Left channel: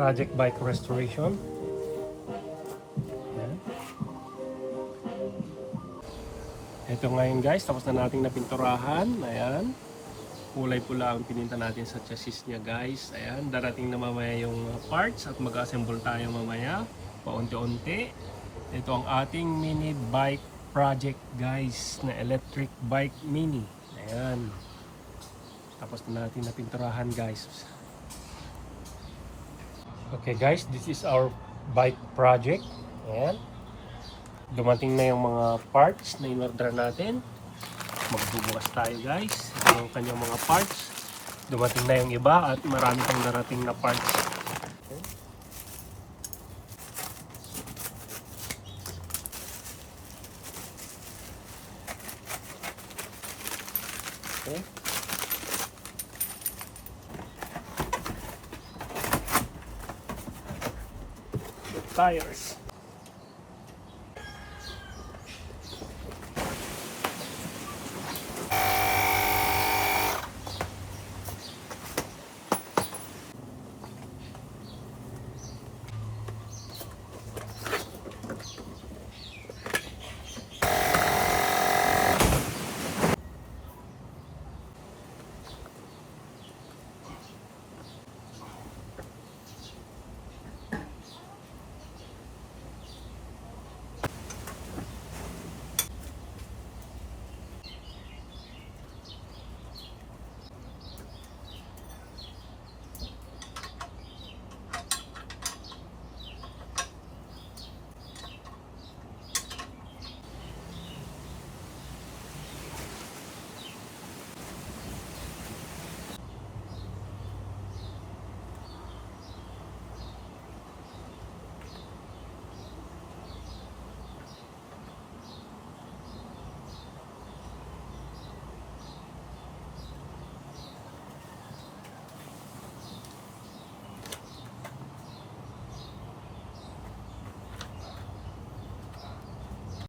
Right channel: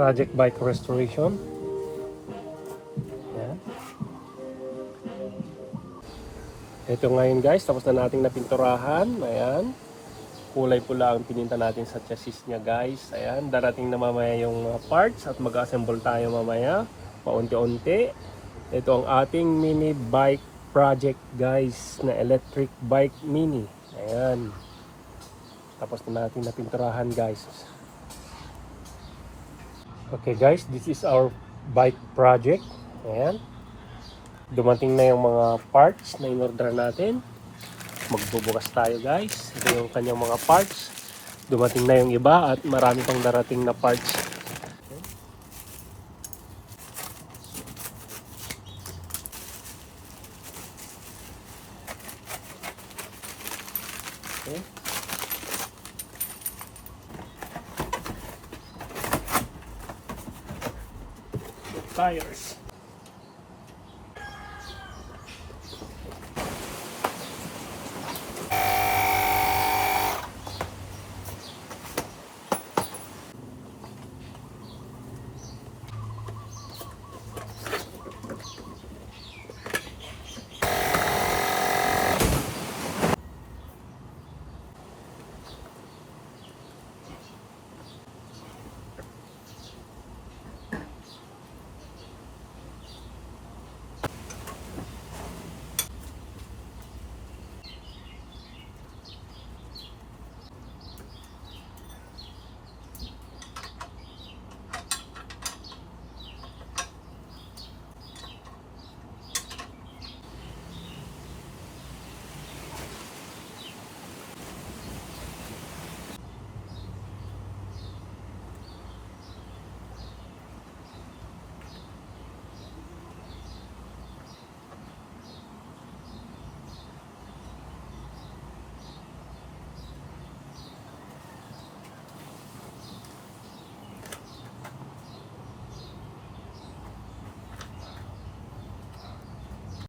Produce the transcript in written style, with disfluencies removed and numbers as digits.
Project Bike Restoration. Ayan. Ito ngayon guys, tapos na nating napinturahan. Ayan. Kulay pula ang pininta natin sa chassis niya guys. Ayan, darating na mamaya yung mga parts at mag-assemble tayo mamaya. Paunti-unti. Ito ang ating mini bike project guys, na electric bike mini. Ayan. Tapos na natin napinturahan guys. Okay guys, this is our bike project. Ayan. Dumating na yung mga parts na in-order natin. Magbubukas tayo guys. Ito yung kanyang mga parts. Dumating na yung iba at marami pang darating na parts. Okay. Tires.